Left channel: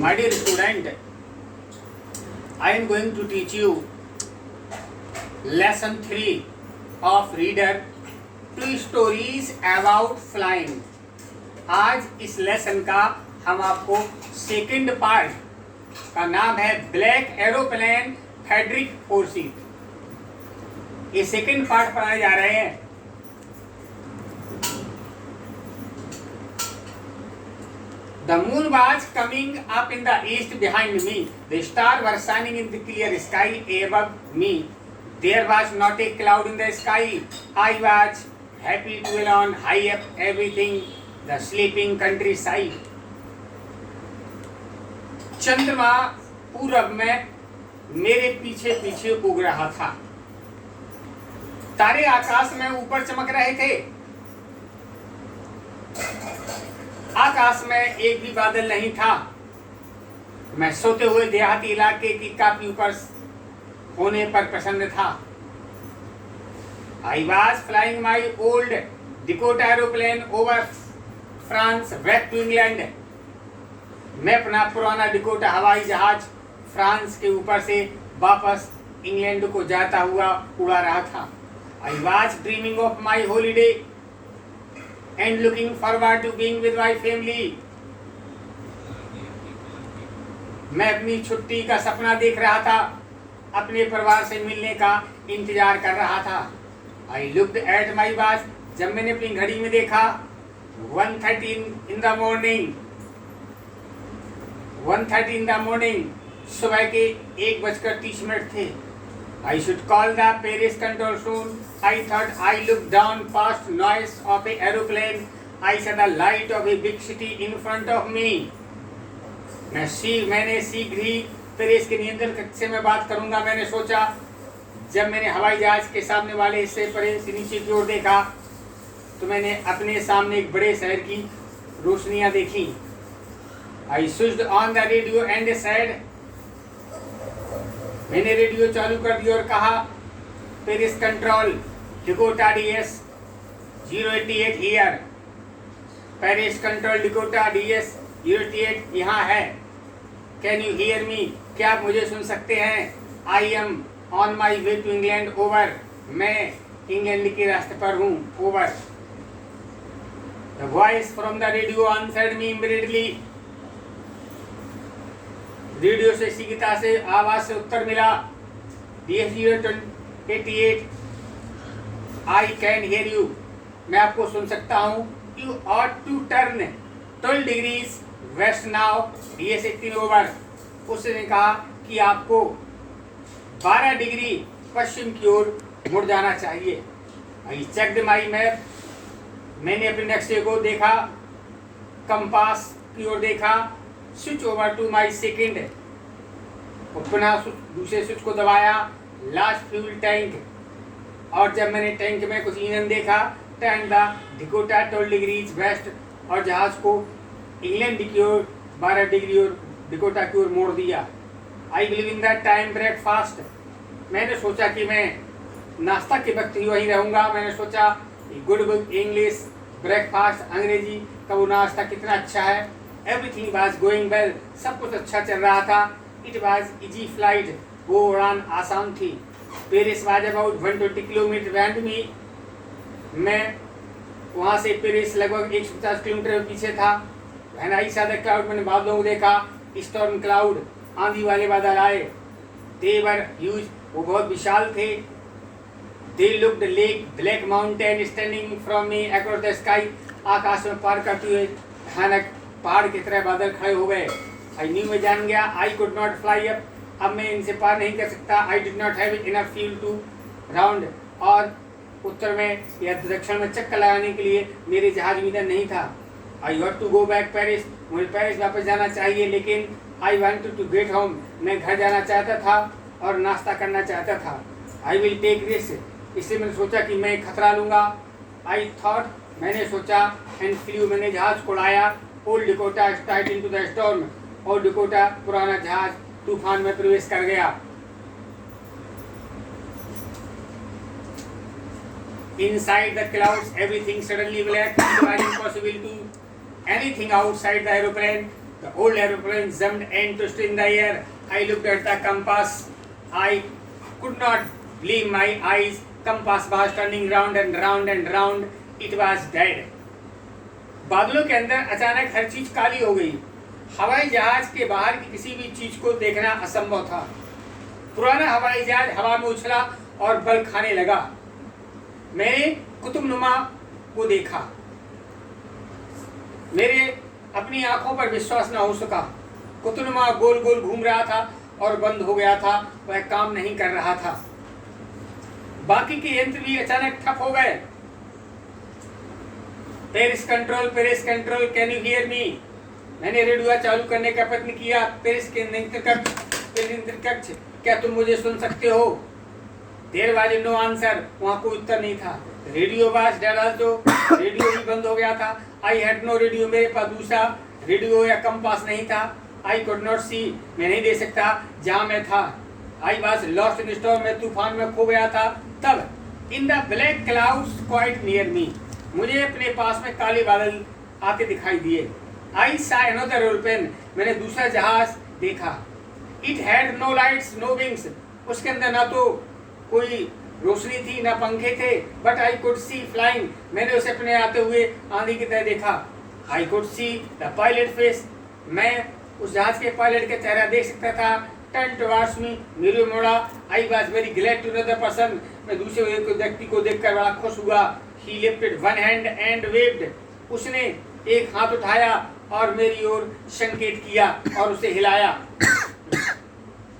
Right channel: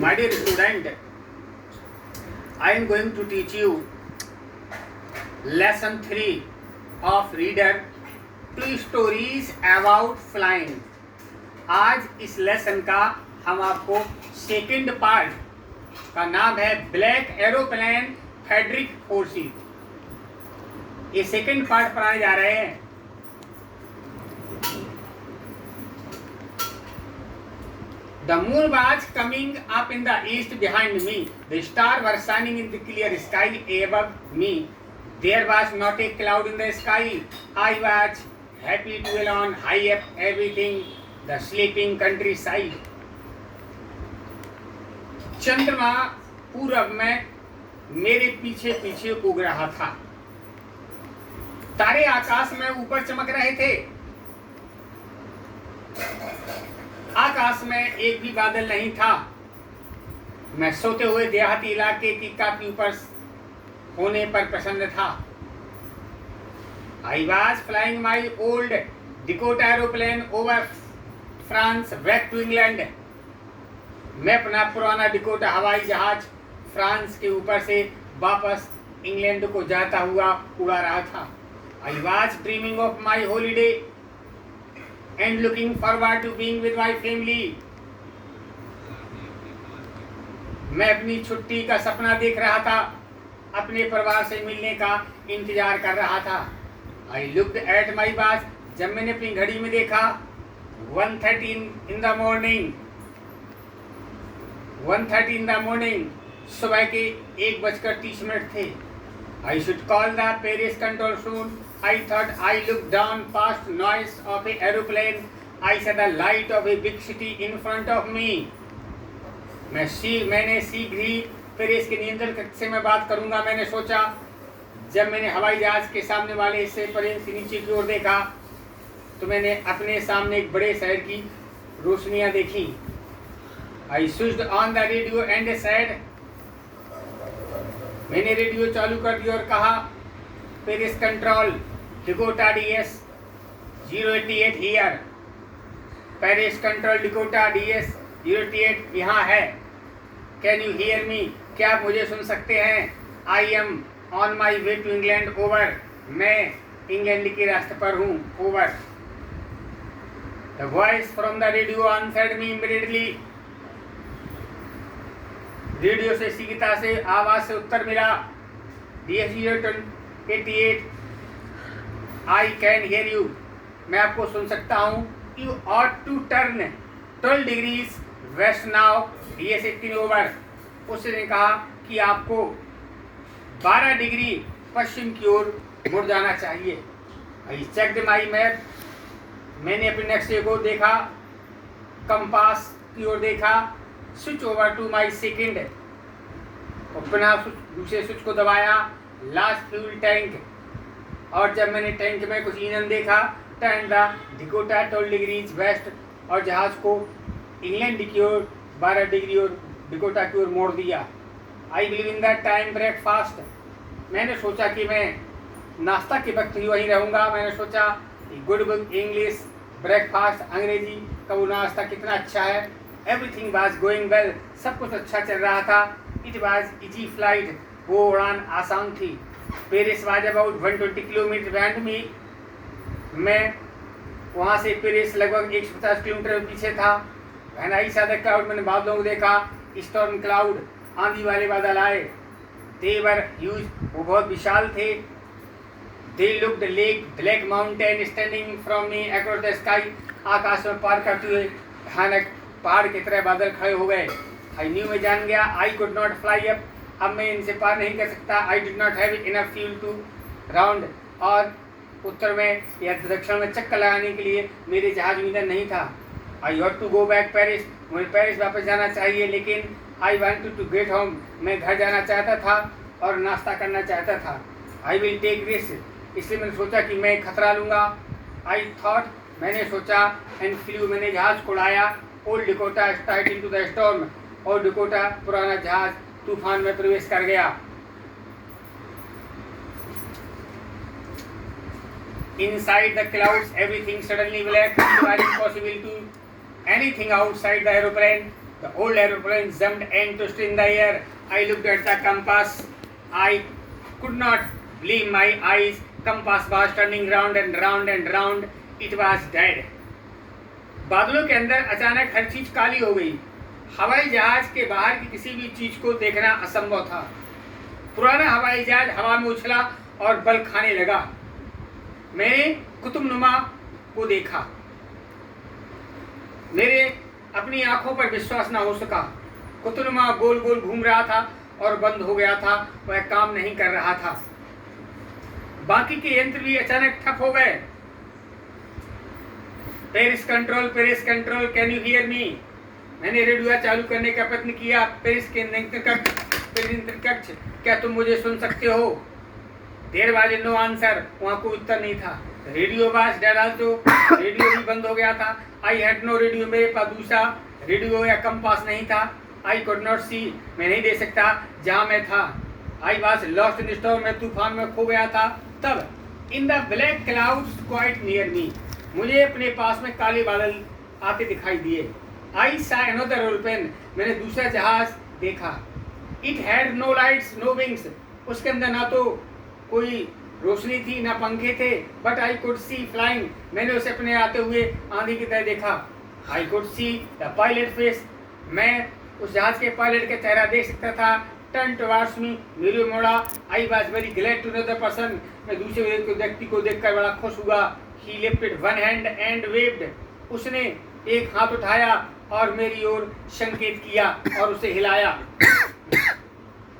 My dear student, I am going to teach you lesson 3 of reader, two stories about flying. आज इस lesson का हम आपको second part का नाम है ब्लैक एरोप्लेन फेडरिक फोर्सी। ये सेकंड पार्ट पढ़ाए जा रहे हैं। The moon was coming up in the east behind me. The stars were shining in the clear sky above me. There was not a cloud in the sky. I was happy to alone high up everything, the sleeping countryside. चंद्रमा पूरब में मेरे पीछे पीछे उग रहा था। तारे आकाश में ऊपर चमक रहे थे। आकाश में एक भी बादल नहीं था। मैं सोते हुए देहाती इलाके की काफी ऊपर होने पर प्रसन्न था। I was flying my old Dakota aeroplane over France back to England. मैं अपना पुराना डिकोटा हवाई जहाज फ्रांस के ऊपर से वापस इंग्लैंड को जाता हुआ उड़ा रहा था। I was dreaming of my holiday and looking forward to being with my family. मैं अपनी छुट्टी का सपना देख रहा था, अपने परिवार से मिलने का इंतजार कर रहा था। I looked at my watch. जब मैंने अपनी घड़ी में देखा 1:30 in the morning, 1:30 in the morning, सुबह के 1:30 थे। I should call the Paris control soon. I thought. I looked down past noise of a aeroplane. I saw the light of a big city in front of me. मैंने शीघ्र ही Paris के नियंत्रण कक्ष से मैं बात करूंगा। मैंने सोचा जब मैंने हवाई जहाज के सामने वाले हिस्से पर से नीचे की ओर देखा तो मैंने अपने सामने एक बड़े शहर की रोशनियां देखी। I switched on the radio and said. मैंने रेडियो चालू कर दिया और कहा Paris control Dakota DS 088 here. Paris control Dakota DS 088 यहाँ है। Can you hear me? क्या आप मुझे सुन सकते हैं? I am on my way to England over. मैं इंग्लैंड के रास्ते पर हूँ। Over. The voice from the radio answered me immediately. Radio से शीघ्रता से आवाज से उत्तर मिला। DS 088 I can hear you. मैं आपको सुन सकता हूँ। You ought to turn 12 degrees west now DS 18 over. उसने कहा कि आपको 12 डिग्री पश्चिम की ओर मुड़ जाना चाहिए। I checked my map. मैंने अपने नक्शे को देखा, कंपास की ओर देखा। Switch over to my second. और पुनः दूसरे स्विच को दबाया। Last fuel tank. और जब मैंने टैंक में कुछ ईंधन देखा, turn the Dakota 12 degrees west और जहाज को इंग्लैंड की ओर 12 डिग्री और डिकोटा की ओर मोड़ दिया। I believe in the time breakfast. मैंने सोचा कि मैं नाश्ता के वक्त ही वहीं रहूँगा। मैंने सोचा गुड बुक इंग्लिश ब्रेकफास्ट, अंग्रेजी का वो नाश्ता कितना अच्छा है। Everything was going well. सब कुछ अच्छा चल रहा था। It was easy flight. वो उड़ान आसान थी। Paris was about 120 kilometre behind me. मैं वहाँ से पेरिस लगभग 150 किलोमीटर पीछे था। When I saw the cloud. मैंने बादलों को देखा। स्टॉर्म क्लाउड, आंधी वाले बादल आए। They were huge. वो बहुत विशाल थे। They looked like black mountain standing from me across the sky. आकाश में पार करते हुए भयानक पहाड़ की तरह बादल खड़े हो गए। I knew. मैं जान गया। I could not fly up. अब मैं इनसे पार नहीं कर सकता। I did not have enough fuel to round. और उत्तर में या दक्षिण में चक्कर लगाने के लिए मेरे जहाज में ईंधन नहीं था। I had to go back Paris. मुझे पेरिस वापस जाना चाहिए, लेकिन I wanted to get home. मैं घर जाना चाहता था और नाश्ता करना चाहता था। I will take risk. इसलिए मैंने सोचा कि मैं खतरा लूँगा। I thought. मैंने सोचा एंड फ्लू। मैंने जहाज को उड़ाया। Old Dakota start into the storm. Old Dakota पुराना जहाज तूफान में प्रवेश कर गया। Inside the clouds, everything suddenly black. It was impossible to anything outside the aeroplane. The old aeroplane jumped and twisted in the air. I looked at the compass. I could not believe my eyes. Compass was turning round and round and round. It was dead. बादलों के अंदर अचानक हर चीज काली हो गई। हवाई जहाज के बाहर की किसी भी चीज को देखना असंभव था। पुराना हवाई जहाज हवा में उछला और बल खाने लगा। मैंने कुतुबनुमा को देखा। मेरे अपनी आंखों पर विश्वास न हो सका। कुतुबनुमा गोल गोल घूम रहा था और बंद हो गया था, वह काम नहीं कर रहा था। बाकी के यंत्र भी अचानक ठप हो गए। Paris control, can you hear मी? मैंने रेडियो चालू करने का प्रयत्न किया। पेरिस के नियंत्रण कक्ष, क्या तुम मुझे सुन सकते हो? देर वाज नो आंसर, वहां कोई उत्तर नहीं था। Radio was dead also, radio भी बंद हो गया था। आई हैड नो रेडियो, मेरे पास दूसरा रेडियो या कंपास नहीं था। आई कुड नॉट सी, मैं नहीं देख सकता जहां मैं था। I was lost in storm, मैं तूफान में खो गया था। तब in the black clouds quite near me, मुझे अपने पास में काले बादल आते दिखाई दिए। आई सा अनदर एरोप्लेन, मैंने दूसरा जहाज देखा। It had no lights no wings, उसके अंदर ना तो कोई रोशनी थी ना पंखे थे। But I could see flying, मैंने उसे अपने आते हुए आंधी की तरह देखा। I could see the pilot face, मैं उस जहाज के पायलट का चेहरा देख सकता था। टर्न टुवर्ड्स मी, मेरे मोड़ा। I was very glad to know the person, मैं दूसरे व्यक्ति को देखकर बड़ा खुश हुआ। He lifted one hand and waved, उसने एक हाथ उठाया और मेरी ओर संकेत किया और उसे हिलाया।